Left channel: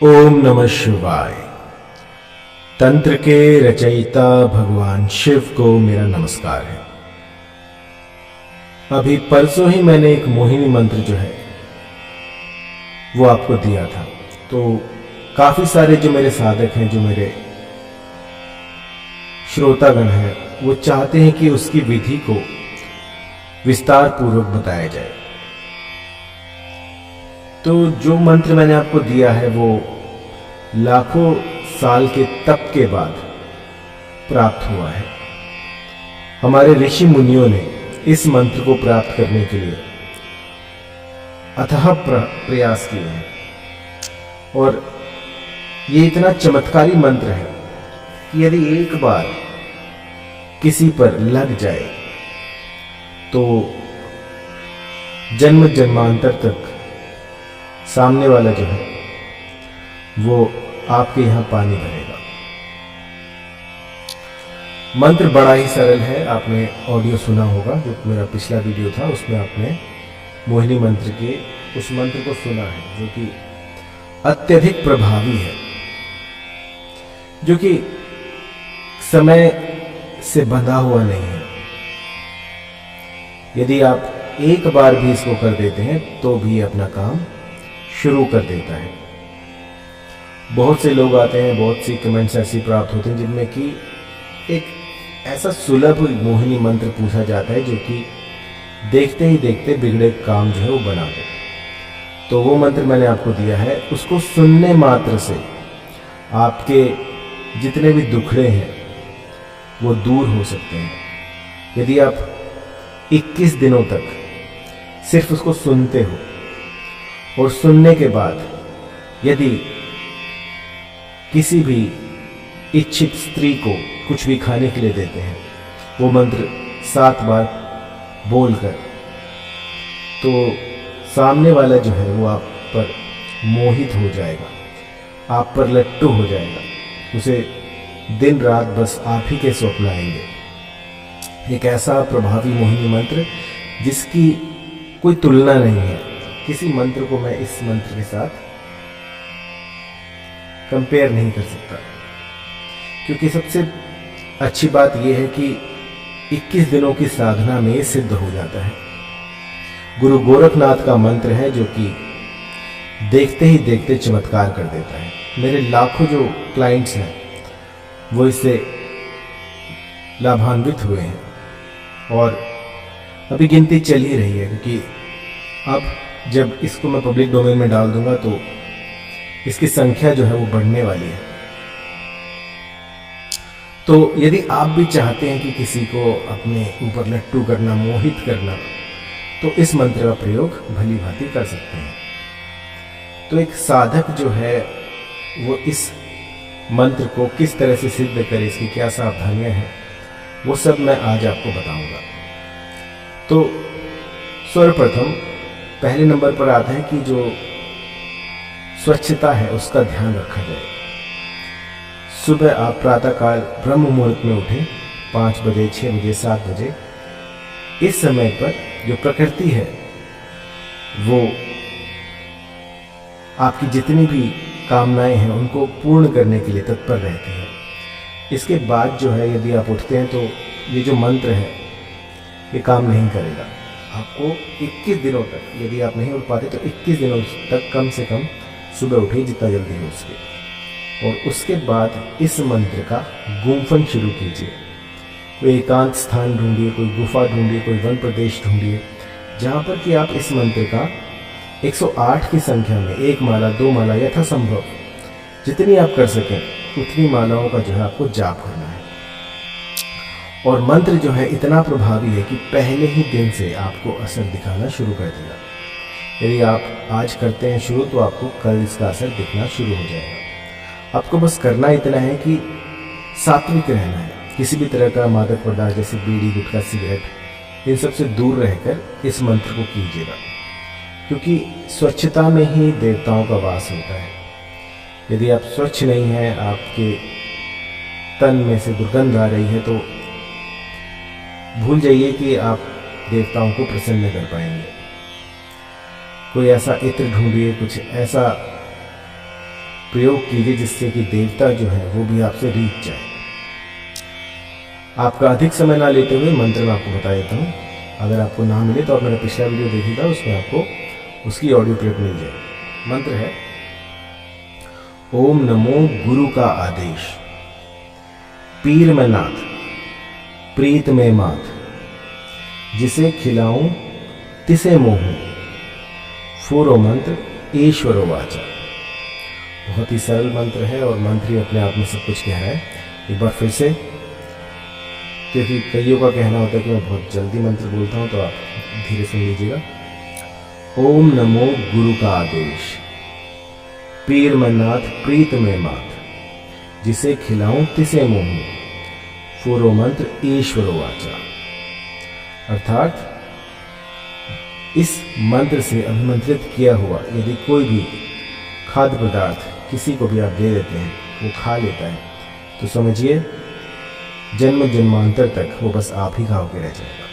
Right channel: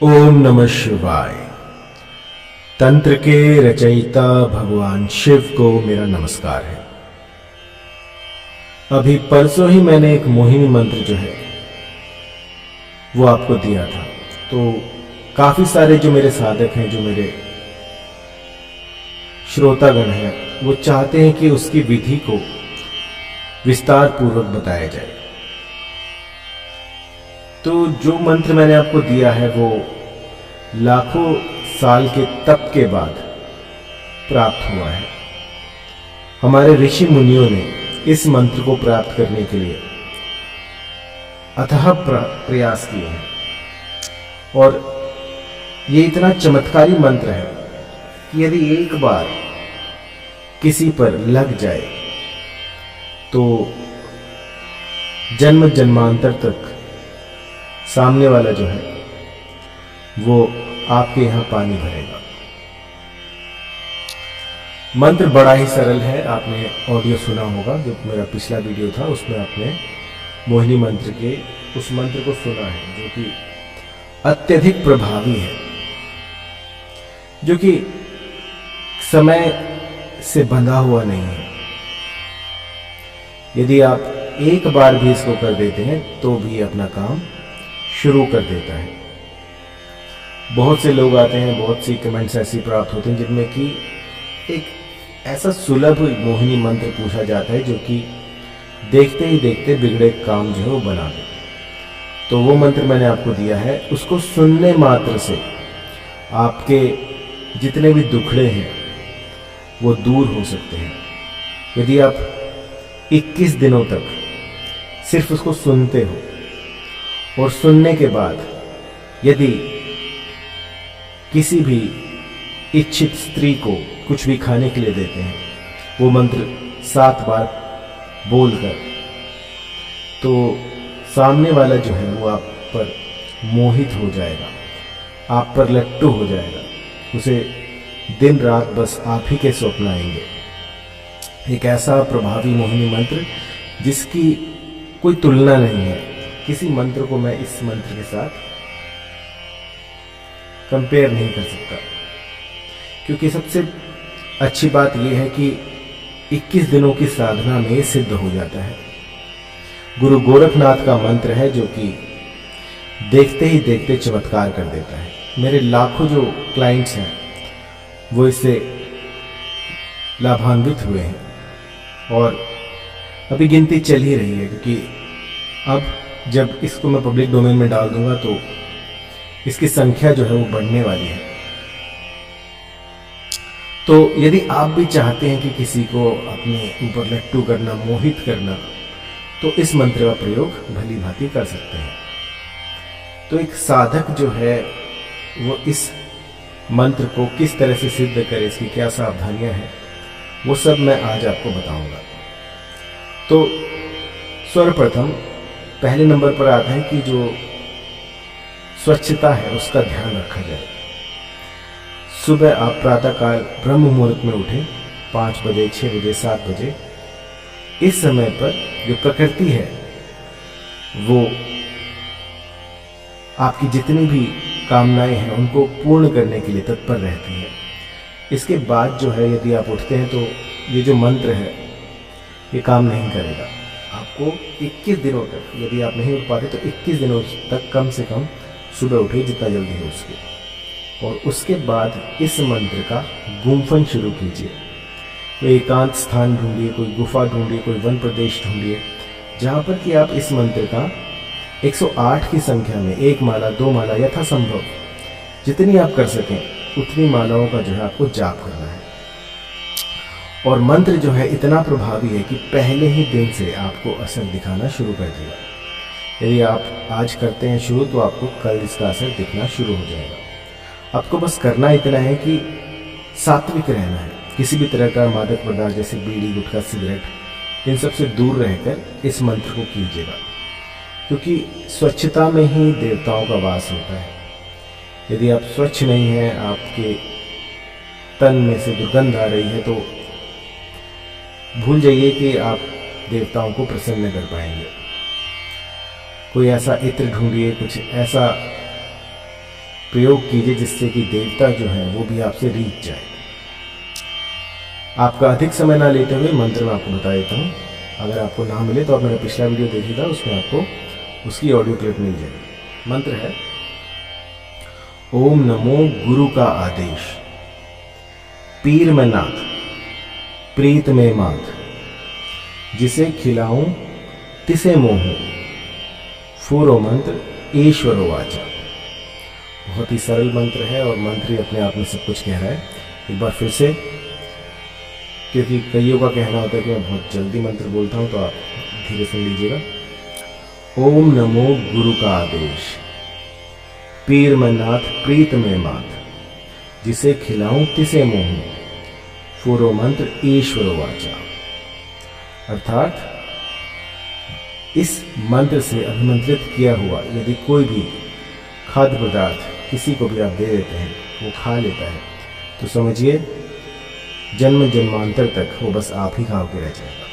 ओम नमः शिवाय। तंत्र के रचयिता भगवान शिव को मेरा नमस्कार है। अभी परसों ही मैंने एक मोहिनी मंत्र जो है वो आपको दिया था। तो काफी सारे जो मेरे साधक हैं, जो मेरे श्रोतागण हैं, वो चाहते हैं कि उसकी विधि को विस्तार पूर्वक बताया जाए। तो जो मंत्र मैंने आपको दिया है वो लाखों साल के तप के बाद प्राप्त हुआ है। हमारे ऋषि मुनियों ने इस मंत्र को प्राप्त करने के लिए अथाह प्रयास किए हैं और ये इतना चमत्कारी मंत्र है कि यदि एक बार किसी पर लग जाए तो जन्म जन्मांतर तक सामने वाला जो है वो आपके यहां पानी भरेगा। मंत्र बड़ा ही सरल है। आपने ऑडियो सुना होगा, जो मेरा पिछला वीडियो था उसमें आपने मोहिनी मंत्र के उस मंत्र को सुना है, जो कि अत्यधिक प्रभावी है, जो कि समय से बंधा हुआ नहीं है। यदि आप एक बार भी इसको कर देते हैं तो भी अपना काम शुरू कर देता है। बहुत से लोग आते हैं, बहुत सी कमेंट्स ऐसी प्राप्त होते हैं जिनमें कि एक ऐसा सुलभ मोहिनी मंत्र पूछा जाता है जो कि देखते ही देखते बिगड़े काम जो है वो बना दे। तो वो मंत्र मैंने आपको दिया है, उसको सुनने मात्र से आपके जितने भी दुखड़े हैं वो दूर हो सकते हैं। यदि आप 21 दिनों तक सिर्फ उसको सुनते हो और सुनने के बाद यदि किसी भी इच्छित स्त्री को कुछ भी खाने के लिए देते हैं, वो मंत्र 7 बार बोलकर, तो सामने वाला जो है वो आप पर मोहित हो जाएगा, आप पर लट्टू हो जाएगा। उसे दिन रात बस आप ही के स्वप्न आएंगे। एक ऐसा प्रभावी मोहिनी मंत्र जिसकी कोई तुलना नहीं है। किसी मंत्र को मैं इस मंत्र के साथ कंपेयर नहीं कर सकता, क्योंकि सबसे अच्छी बात यह है कि 21 दिनों की साधना में सिद्ध हो जाता है। गुरु गोरखनाथ का मंत्र है जो कि देखते ही देखते चमत्कार कर देता है। मेरे लाखों जो क्लाइंट्स हैं वो इससे लाभान्वित हुए हैं और अभी गिनती चल ही रही है, क्योंकि अब जब इसको मैं पब्लिक डोमेन में डाल दूंगा तो इसकी संख्या जो है वो बढ़ने वाली है। तो यदि आप भी चाहते हैं कि किसी को अपने ऊपर लट्टू करना, मोहित करना, तो इस मंत्र का प्रयोग भली भांति कर सकते हैं। तो एक साधक जो है वो इस मंत्र को किस तरह से सिद्ध करे, इसकी क्या सावधानियां हैं, वो सब मैं आज आपको बताऊंगा। तो सर्वप्रथम पहले नंबर पर आता है कि जो स्वच्छता है उसका ध्यान रखा जाए। सुबह आप प्रातःकाल ब्रह्म मुहूर्त में उठें, 5 बजे, 6 बजे, 7 बजे। इस समय पर जो प्रकृति है वो आपकी जितनी भी कामनाएं हैं उनको पूर्ण करने के लिए तत्पर रहती है। इसके बाद जो है यदि आप उठते हैं तो ये जो मंत्र है ये काम नहीं करेगा। आपको 21 दिनों तक, यदि आप नहीं उठ पाते तो 21 दिनों तक कम से कम सुबह उठिए जितना जल्दी हो उसके, और उसके बाद इस मंत्र का गुम्फन शुरू कीजिए। कोई एकांत स्थान ढूंढिए, कोई गुफा ढूंढिए, कोई वन प्रदेश ढूंढिए जहाँ पर कि आप इस मंत्र का 108 की संख्या में 1 माला, 2 माला, यथासंभव जितनी आप कर सकें उतनी मालाओं का जो है आपको जाप करना है। और मंत्र जो है इतना प्रभावी है कि पहले ही दिन से आपको असर दिखाना शुरू कर देगा। यदि आप आज करते हैं शुरू तो आपको कल इसका असर दिखना शुरू हो जाएगा। आपको बस करना इतना है कि सात्विक रहना है। किसी भी तरह का मादक पदार्थ जैसे बीड़ी, गुटखा, सिगरेट, इन सब से दूर रहकर इस मंत्र को कीजिएगा, क्योंकि स्वच्छता में ही देवताओं का वास होता है। यदि आप स्वच्छ नहीं हैं, आपके तन में से दुर्गंध आ रही है, तो भूल जाइए कि आप देवताओं को प्रसन्न कर पाएंगे। कोई ऐसा इत्र ढूंढिए, कुछ ऐसा प्रयोग कीजिए जिससे कि देवता जो है वो भी आपसे रीझ जाए। आपका अधिक समय ना लेते हुए मंत्र मैं आपको बता देता हूँ। अगर आपको ना मिले तो आप मेरा पिछला वीडियो देखिएगा, उसमें आपको उसकी ऑडियो क्लिप मिल जाएगी। मंत्र है ओम नमो गुरु का आदेश, पीर में नाथ प्रीत में मात, जिसे खिलाऊं तिसे मोहूं, फूरो मंत्र ईश्वरो वाचा। बहुत ही सरल मंत्र है और मंत्र ही अपने आप में सब कुछ कह रहा है। एक बार फिर से, क्योंकि कईयों का कहना होता है कि मैं बहुत जल्दी मंत्र बोलता हूं, तो आप धीरे सुन लीजिएगा। ओम नमो गुरु का आदेश, पीर में नाथ प्रीत में मात, जिसे खिलाऊं तिसे मोहूं, फूरो मंत्र ईश्वरो वाचा। अर्थात इस मंत्र से अभिमंत्रित किया हुआ यदि कोई भी खाद्य पदार्थ किसी को भी आप दे देते हैं, वो खा लेता है, तो समझिए जन्म जन्मांतर तक वो बस आप ही खा के रह जाएगा।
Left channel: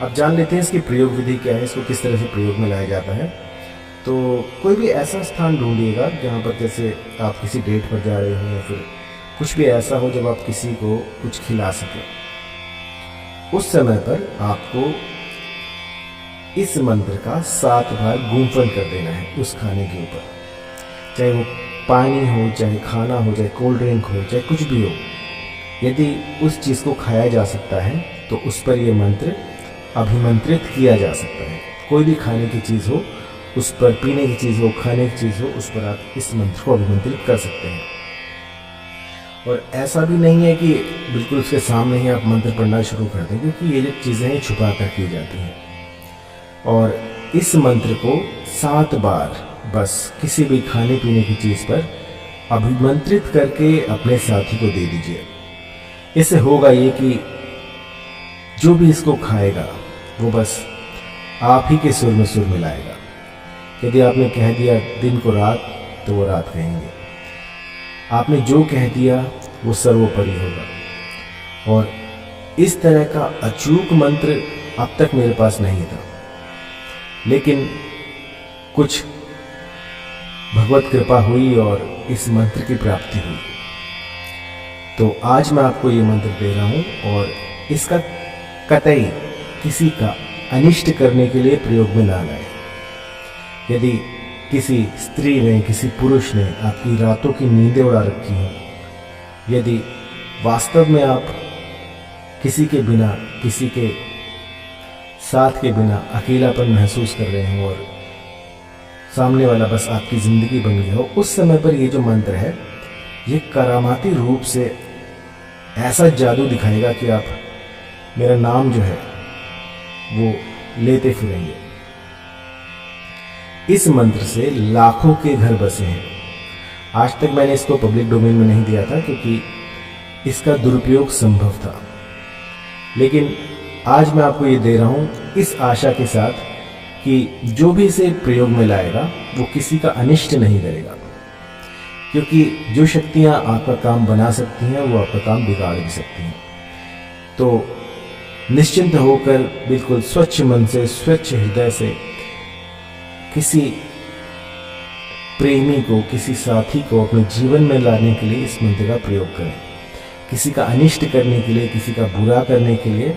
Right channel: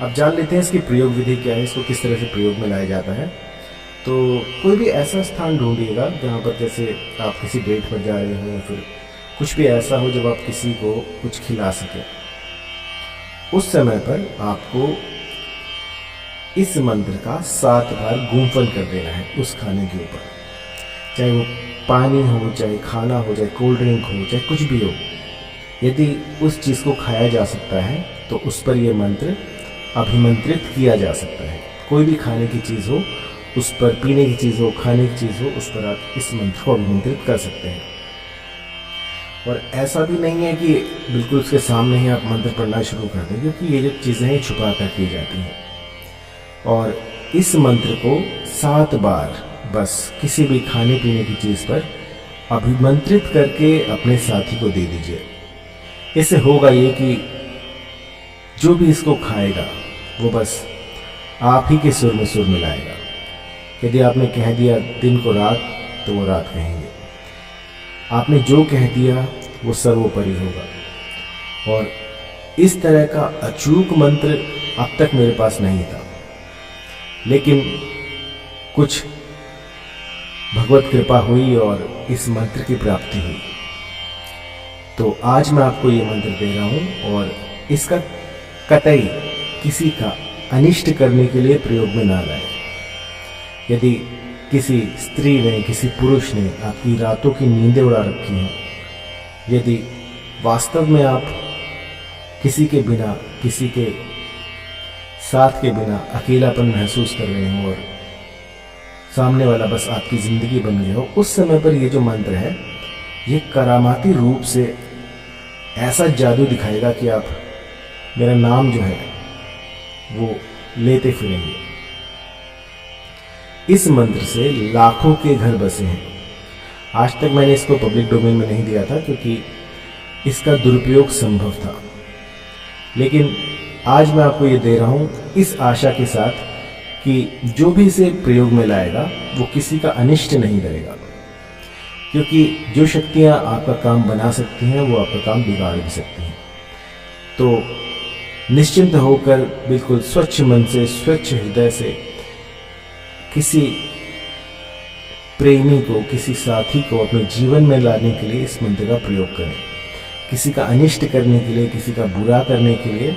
अब जान लेते हैं इसकी प्रयोग विधि क्या है, इसको किस तरह से प्रयोग में लाया जाता है। तो कोई भी ऐसा स्थान ढूंढिएगा जहाँ पर जैसे आप किसी डेट पर जा रहे हो या फिर कुछ भी ऐसा हो जब आप किसी को कुछ खिला सकें। उस समय पर आपको इस मंत्र का 7 बार गुम्फन कर देना है उस खाने के ऊपर, चाहे वो पानी हो, चाहे खाना हो, चाहे कोल्ड ड्रिंक हो, चाहे कुछ भी हो। यदि उस चीज़ को खाया जा सकता है तो उस पर यह मंत्र अभिमंत्रित किया जा सकता है। कोई भी खाने की चीज़ हो, उस पर पीने की चीज़ हो, खाने की चीज़ हो, उस पर आप इस मंत्र को अभिमंत्रित कर सकते हैं। और ऐसा भी नहीं है कि बिल्कुल उसके सामने ही आप मंत्र पढ़ना शुरू कर दें, क्योंकि ये जो चीज़ें हैं छुपा कर की जाती हैं। और इस मंत्र को 7 बार बस किसी भी खाने पीने की चीज़ पर अभिमंत्रित करके अपने साथी को दे दीजिए। इससे होगा ये कि जो भी इसको खाएगा वो बस आप ही के सुर में सुर मिलाएगा। यदि आपने कह दिया दिन को रात, तो वो रात कहेंगे। आपने जो कह दिया वो सर्वोपरि होगा। और इस तरह का अचूक मंत्र अब तक मेरे पास नहीं था, लेकिन कुछ भगवत कृपा हुई और इस मंत्र की प्राप्ति हुई। तो आज मैं आपको ये मंत्र दे रहा हूँ और इसका कतई किसी का अनिष्ट करने के लिए प्रयोग में ना लाएं। यदि किसी स्त्री ने, किसी पुरुष ने आपकी रातों की नींदें उड़ा रखी हैं, यदि वास्तव में आप किसी के बिना, किसी के साथ के बिना अकेलापन महसूस कर रहे हो और सामने वाला बस आपकी ज़िंदगी बन गया हो, उस समय पर ये जो मंत्र है ये करामाती रूप से ऐसा जादू दिखाएगा कि आप मेरा नाम जो है वो लेते फिरेंगे। इस मंत्र से लाखों के घर बसे हैं। आज तक मैंने इसको पब्लिक डोमेन में नहीं दिया था क्योंकि इसका दुरुपयोग संभव था, लेकिन आज मैं आपको ये दे रहा हूँ इस आशा के साथ कि जो भी इसे प्रयोग में लाएगा वो किसी का अनिष्ट नहीं करेगा, क्योंकि जो शक्तियाँ आपका काम बना सकती हैं वो आपका काम बिगाड़ भी सकती हैं। तो निश्चिंत होकर बिल्कुल स्वच्छ मन से, स्वच्छ हृदय से किसी प्रेमी को, किसी साथी को अपने जीवन में लाने के लिए इस मंत्र का प्रयोग करें। किसी का अनिष्ट करने के लिए, किसी का बुरा करने के लिए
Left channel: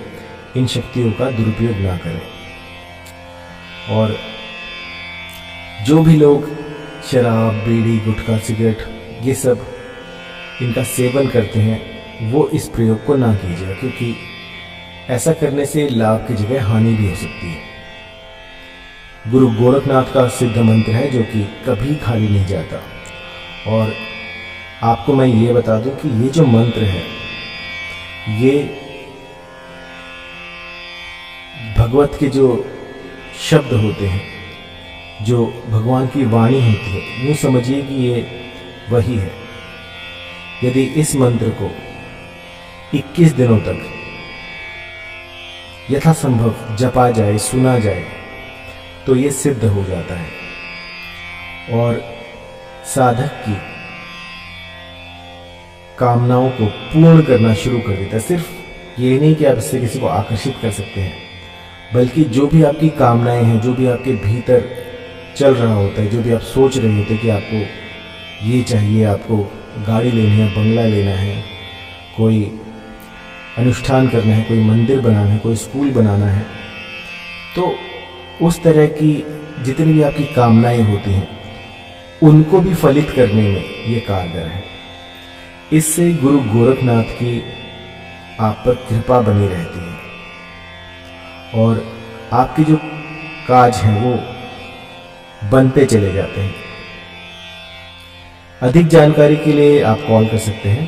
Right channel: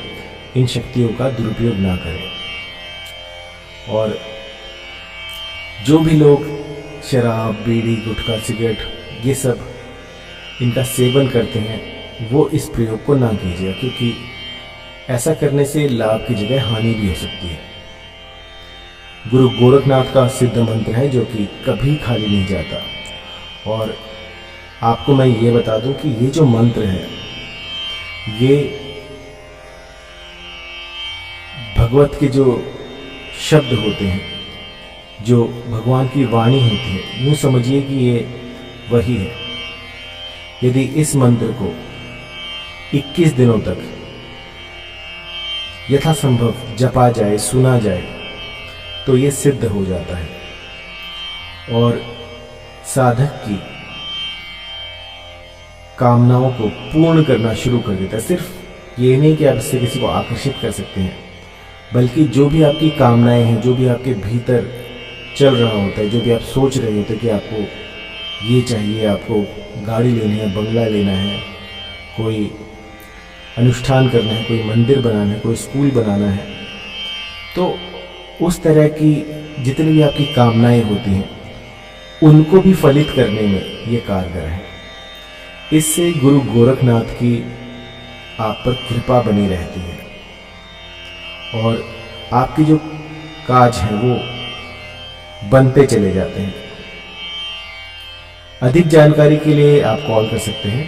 इन शक्तियों का दुरुपयोग ना करें। और जो भी लोग शराब, बीड़ी, गुटखा, सिगरेट ये सब इनका सेवन करते हैं वो इस प्रयोग को ना कीजिए, क्योंकि ऐसा करने से लाभ की जगह हानि भी हो सकती है। गुरु गोरखनाथ का सिद्ध मंत्र है जो कि कभी खाली नहीं जाता। और आपको मैं ये बता दूं कि ये जो मंत्र है ये भगवत के जो शब्द होते हैं, जो भगवान की वाणी होती है, यूँ समझिए कि ये वही है। यदि इस मंत्र को 21 दिनों तक यथासंभव जपा जाए, सुना जाए, तो ये सिद्ध हो जाता है और साधक की कामनाओं को पूर्ण करना शुरू कर देता है। सिर्फ ये नहीं कि आप इससे किसी को आकर्षित कर सकते हैं, बल्कि जो भी आपकी कामनाएं हैं, जो भी आपके भीतर चल रहा होता है, जो भी आप सोच रहे होते हैं कि आपको ये चाहिए, आपको गाड़ी लेनी है, बंगला लेना है, कोई अनुष्ठान करना है, कोई मंदिर बनाना है, कोई स्कूल बनाना है, तो उस तरह की जितनी भी आपकी कामनाएं होती हैं उनको भी फलित करने में ये कारगर है। इससे गुरु गोरखनाथ की आप पर कृपा बनी रहती है और आपके जो काज हैं वो बनते चले जाते हैं। अधिक जानकारी के लिए आप कॉल कर सकते हैं